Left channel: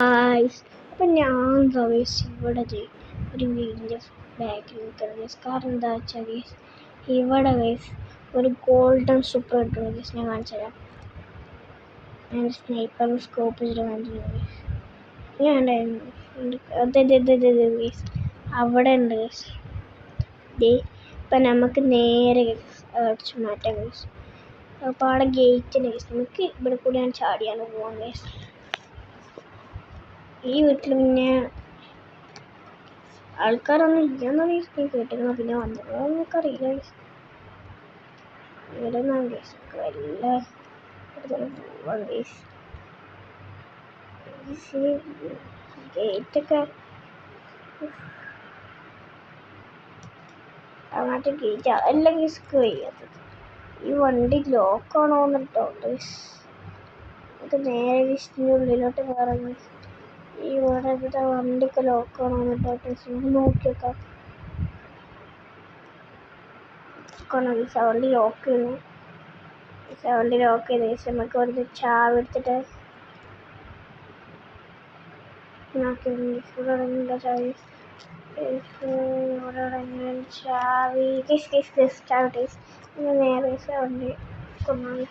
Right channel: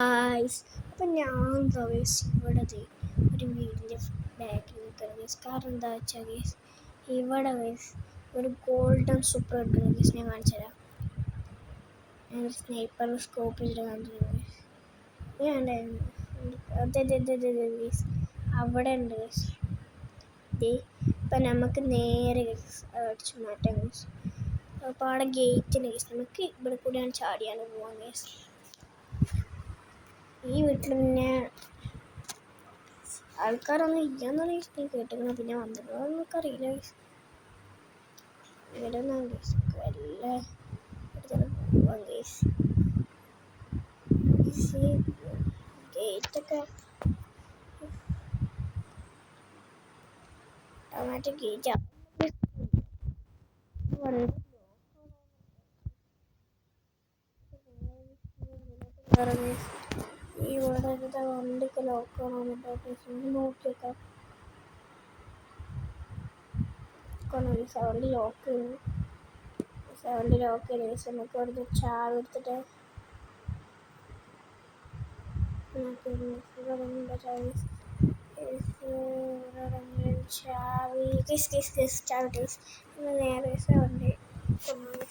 Guys അപ്പം ഞാൻ guys ഇവിടെ ഒരു വീടിൻ്റെ ബാക്കിൽ നിൽക്കുന്നത് ഗൈസ്. കാരണം എന്താ വെച്ചാൽ ഗൈസ് ഇവിടെ ഗൈസ് ഒരു ഗോൾഡൻ സൂപ്പർ കിട്ടുന്നു ഗൈസ്. ഞാൻ കാണിച്ചു തരാം. ഞാൻ സ്നൈപ്പർ സ്കോപ്പ് ചെയ്തിട്ട് കാണിച്ചു ഗൈസ്. ഞാൻ അതെ ഗൈസ് അവിടെ ഉണ്ട് ഗൈസ്. ഇപ്പം നമുക്ക് നേരെ ഗൈസ് അടിച്ചു മാറ്റാം ഗൈസ്. അപ്പോൾ അവിടെ ഗേറ്റിന് ഗൈസ് നമുക്ക് ഇവിടെ കൂടിയാണ് ചാടിയാണ് പോകാൻ ഗൈസ്. ഈ വീട്ടിൽ പിന്നെ ആൾക്കാരൊന്നും ഇല്ലെന്ന ഗൈസ് നീ കേട്ടിരുന്നു. പിന്നെ വന്നതോ നമുക്കറിയില്ല ഗൈസ്. ഇവിടെ നിന്നാണ് ഗൈസ് വല്ല പോവാം ഗൈസ്. ഗേറ്റൊക്കെ അങ്ങോട്ട് ഗേറ്റ് എല്ലാം ഗൈസ് കഴിയാത്തത്. ഈ വണ്ടി ലോക്കാണോ എന്നിട്ടോ ഗൈസ്. നമുക്ക് നേരെ ഗൈസിൻ്റെ ഉള്ളിലോട്ട് കയറാം ഗൈസ്. ഈ ഇവിടെ വണ്ടിയൊക്കെ ലോക്കാണോ എന്നിട്ടോ നോക്കിയേക്കാം. വണ്ടി ലോക്ക് ചെയ്യുന്നു. വണ്ടി ലോക്ക് ചെയ്ത ശേഷം നമുക്ക് ഇവിടുത്തെ ചാവി എടുത്തിട്ട് ചാവി നേരെ വണ്ടി കൊണ്ടുപോകും.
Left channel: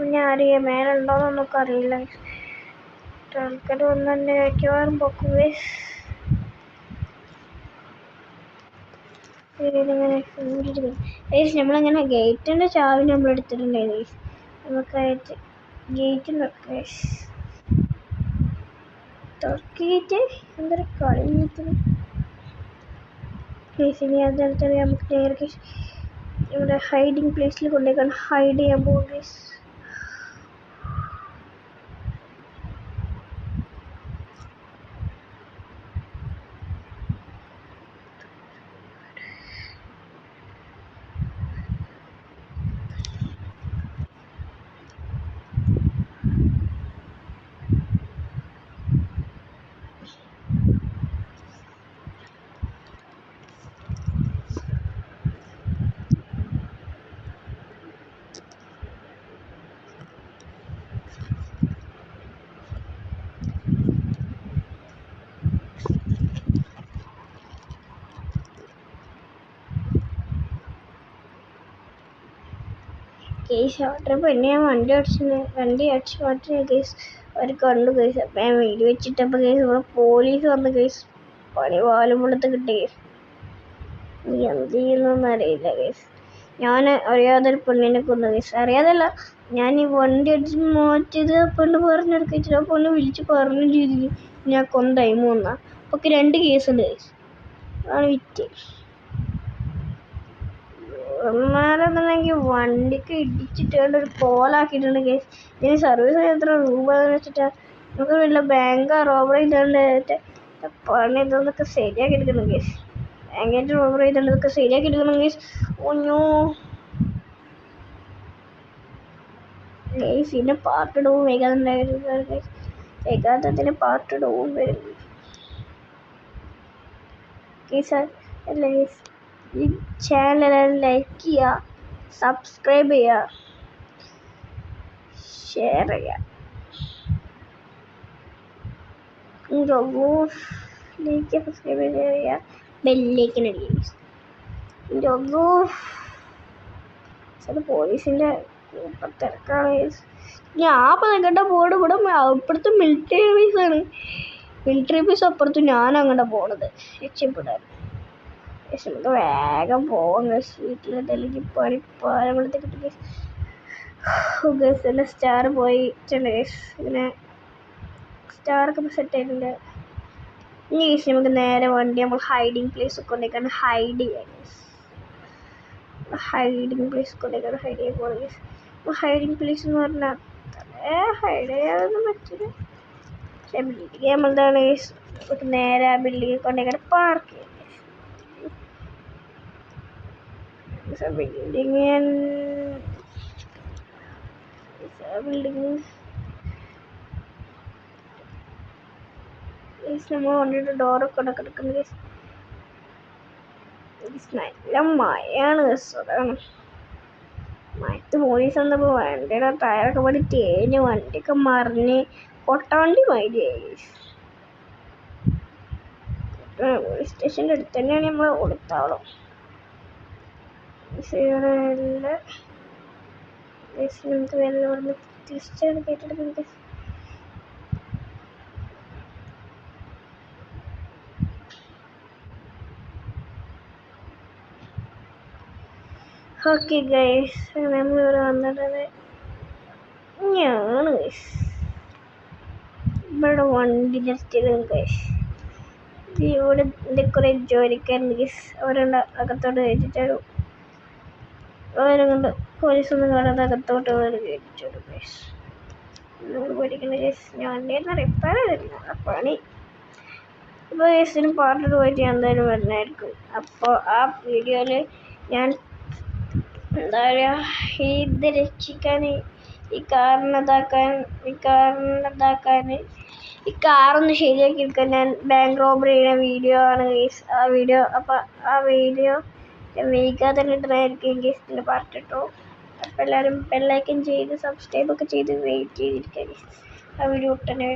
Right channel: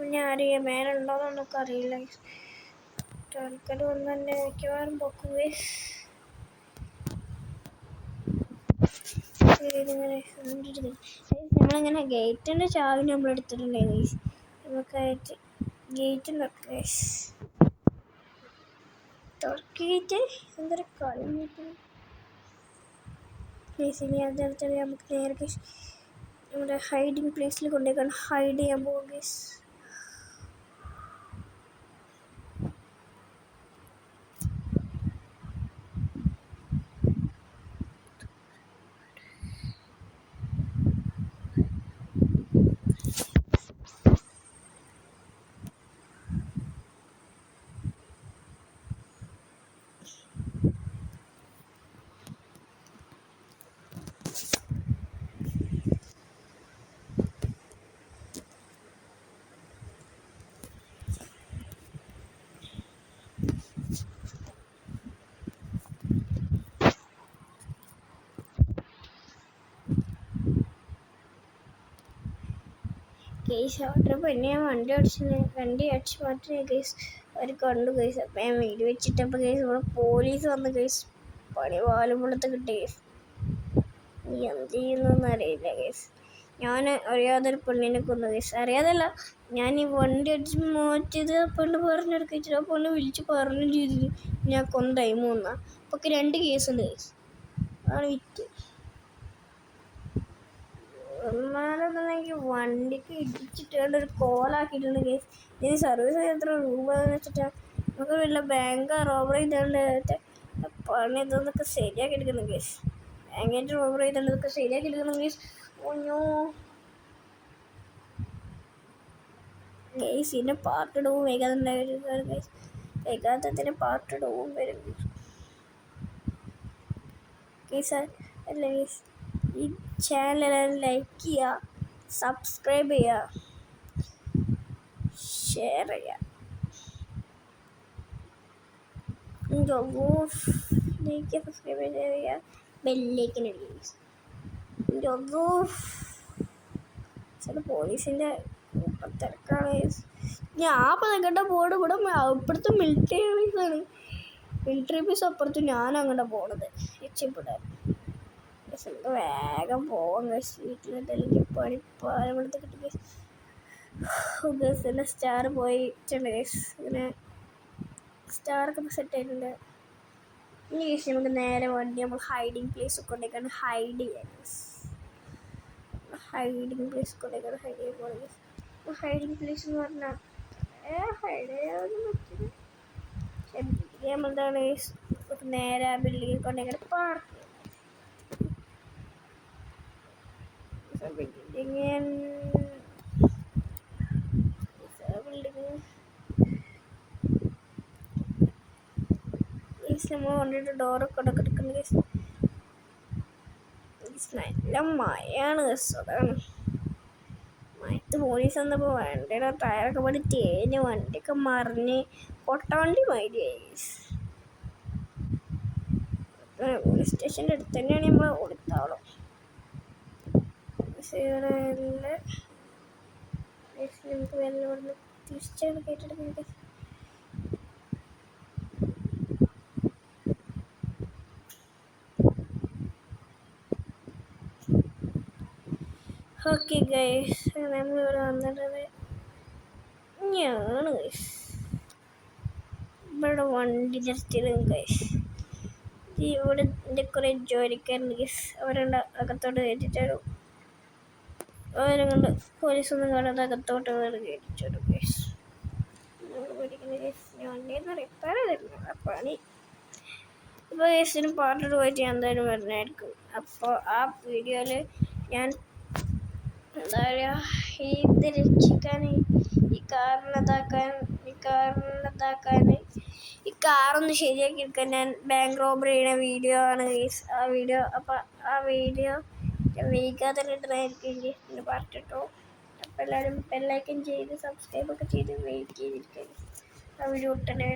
പിന്നെ ആരെയും മേലെ ഉണ്ടോയെന്ന് നമുക്ക് അറിയില്ല. ആൾക്കാർ വന്ന് തന്നെ മിക്കവാറും പൊക്കും ഗൈസ്. നമ്മളങ്ങനെ ഗേറ്റിൻ്റെ ചാവി നമ്മൾ എടുത്തിട്ടുണ്ടായിരുന്നു ഗൈസ്. നമുക്കായിട്ട് ഗേറ്റ് നോക്കാം ഗൈസ്. തുറക്കിയിട്ട് എന്തൊരു കളിഞ്ഞിട്ട് ഗൈസ്. ഇനി അതെടുത്താൽ നമുക്ക് നേരെ ഗൈസ് ഇവിടെ ഹൈഡിങ് പ്ലേസിൽ കൊണ്ടുപോയി ഹൈഡ് ചെയ്യാൻ പോകും ഗൈസ്. കേസ് ഓട്ടർ പിന്നെ ഞാൻ വണ്ടി അടിച്ച് മാറ്റി കേസ് അവർ കണ്ടു കേസ്. അപ്പം ഞാൻ വീട് വെച്ചിട്ടപ്പോൾ കേസ് ഇവിടെ പോലീസ് വന്ന് കേസ് പണി വാലുമ്പളത്ത് കിട്ടി കേസ്. നീ എന്ത് ചെയ്യുന്നതെന്ന് അറിയില്ല കേസ്. ഞാൻ അറിയാതൊരു പെണ്ണിനെ കൊന്നു കേസ്. അറിയാതല്ല, ഞാൻ ഈ വണ്ടി അടിച്ച് മാറ്റിയത് പെണ്ണ് പറഞ്ഞെടുക്കിച്ചിട്ട് ആ പെണ്ണ് വിളിച്ച് പറഞ്ഞു ചെയ്തിട്ട് ഞാൻ കൊന്ന ടൈം വന്നാൽ അപ്പോൾ 2 കേസുണ്ട് കേസ്. അതാണ് വിറ്റ്. എന്നാലെന്നുണ്ടെങ്കിൽ വണ്ടിക്ക് ഇടിച്ചിട്ട് കണ്ട് ഒരു കോലാക്കിയിട്ടുണ്ട് കേസ്. ഇതിന് സർവീസ് എത്ര രൂപ എന്ന് വെച്ചിട്ടാ നമുക്ക് വല്ല ബാങ്ക് റോബറി ചെയ്തുകൊണ്ട് പണി ഇതൊന്നൊക്കെ ശരിയാക്കി എടുക്കണം കേസ്. ബാങ്കായിട്ട് റോബറി ചെയ്തുകൊണ്ട് ഇതൊക്കെ ശരിയാക്കി എടുക്കണം കേസ്. ഒന്നോ കേസ് ഇതിൻ്റെ പാർട്ട് ഇടവും വേഗാതുണ്ടായിരുന്നു കേസ്. വേഗാതത്തിന് പാർട്ട് ഇടവും വരും കേസ്. അല്ല കേസ് ഈ ചാനൽ ലൈക്ക് ചെയ്യുക, സബ്സ്ക്രൈബ് ചെയ്യുക, ഷെയർ ചെയ്യുക. സബ്സ്ക്രൈബ് ചെയ്യുക, ബെല്ലേക്കിന് അടിക്കുക. പോലീസിൻ്റെ തിരക്കാണ്. ഞാൻ അപ്പം നിൽക്കേണ്ട ബോർഡ് ഇവിടെ അപ്പുറത്ത് മിലിറ്ററി ഓഫീസാണ്. മിലിറ്ററി ഓഫീസ് അപ്പുറത്ത് ഞാൻ അങ്ങോട്ട് പോണത് രക്ഷപ്പെടാൻ. നമുക്ക് വേഗം പോവാം ഗൈസ്. വീട്ടിലെന്തെങ്കിലും പണിപ്പാലത്തെ കിട്ടും ഗൈസ്. ഗൈസ് എൻ്റെ സ്റ്റാർ പോയിട്ടുണ്ട് ഗൈസ്. ഇങ്ങനെ സ്റ്റാറൊക്കെ സെറ്റ് ആയിട്ടുണ്ട്. ഇനി ഗൈസ് നമുക്ക് നേരെ വണ്ടി നമ്മൾ ഹൈഡിങ് പ്ലേസ് കൊണ്ടേക്കാണ് ഹൈഡ് ചെയ്യാം ഗൈസ്. ഹൈഡിങ് പ്ലേസ് കൊണ്ടേക്കാണ് ഹൈഡ് ചെയ്യാൻ പോകുന്നത് ഗൈസ്. അപ്പോൾ ഹൈഡിങ് പ്ലേസ് എന്ന് പറഞ്ഞാൽ ഹൈഡ് ചെയ്യാതൊന്നും പറ്റില്ല. പക്ഷേ ബിൽഡിങ് നമ്മളതാണ് ഗൈസ്. നമുക്ക് നേരെ ആ ബിൽഡിങ്ങിൽ കൊണ്ടേക്കാണ് പാർക്ക് ചെയ്യാം. നമ്മൾ വണ്ടിയുടെ ഡോറൊക്കെ കിടക്കുന്നത് നല്ല മഴയാണ്. അതാണ് മഴത്ത് പോലീസ് വന്നപ്പോൾ വണ്ടിയുടെ ടയറൊക്കെ പടി തേഞ്ഞ് വണ്ടിയൊക്കെ മറിഞ്ഞ് കൊട്ടാണ്ടി മൈരി പോലീസ് സ്റ്റേഷൻ്റെ അടുത്ത് തന്നെയാണ് നമ്മൾ കൊടുത്താളും. നമുക്ക് വെള്ളം പറഞ്ഞ് തിരിച്ചാണ് കേട്ടെടുക്കുന്നത്. ഓക്കെ ഗൈസ്, നമ്മളിവിടെ വന്നിട്ടത് ഞാൻ ഗൈസ് ഇവിടെ വണ്ടി ജസ്റ്റ് ഗൈസ്. ഇവിടെ എൻ്റെ കുറേ ജോലിക്കാരുണ്ട് ഗൈസ്. അവരുടെ അകത്തോട്ട് കയറ്റിച്ചാലും അവരെ കൊണ്ട് പോലീസൊന്നും കാണാതെ അകത്തോട്ട് കയറ്റിച്ചാലും ഗൈസ്. നമ്മൾ പഠിക്കുന്ന ഗൈസ് ഞാൻ വണ്ടിയൊന്നും റിപ്പയർ ചെയ്തിട്ടില്ല പണി. ഇപ്പോൾ ഗൈസിന് പാട്ടിട്ട് പോയിട്ട് ഞാൻ എന്തായാലും വരുന്നതായിരിക്കും. അപ്പോൾ ആ വീഡിയോയിൽ ഞാൻ എന്താ പറയുക, ഇത് രക്ഷിക്കാൻ, ഈ കാറൊന്ന് ശരിയാക്കി എടുക്കാൻ ഞാൻ ബാങ്ക് റോബറി ചെയ്യുന്ന വീഡിയോ ആണ് ഗൈസ് ആ വീഡിയോ. അപ്പോൾ ആ വീഡിയോ വൈകാതെ തന്നെ ഇടുന്നതായിരിക്കും ഗൈസ്. പിന്നെ പറഞ്ഞിട്ടോ. അപ്പോൾ എല്ലാവരും ബെല്ലൈക്കൻ ചെയ്ത് സബ്സ്ക്രൈബൊക്കെ ചെയ്ത് വെയിറ്റ് ചെയ്തിരിക്കുക. ആ വീഡിയോ ഒട്ടനെ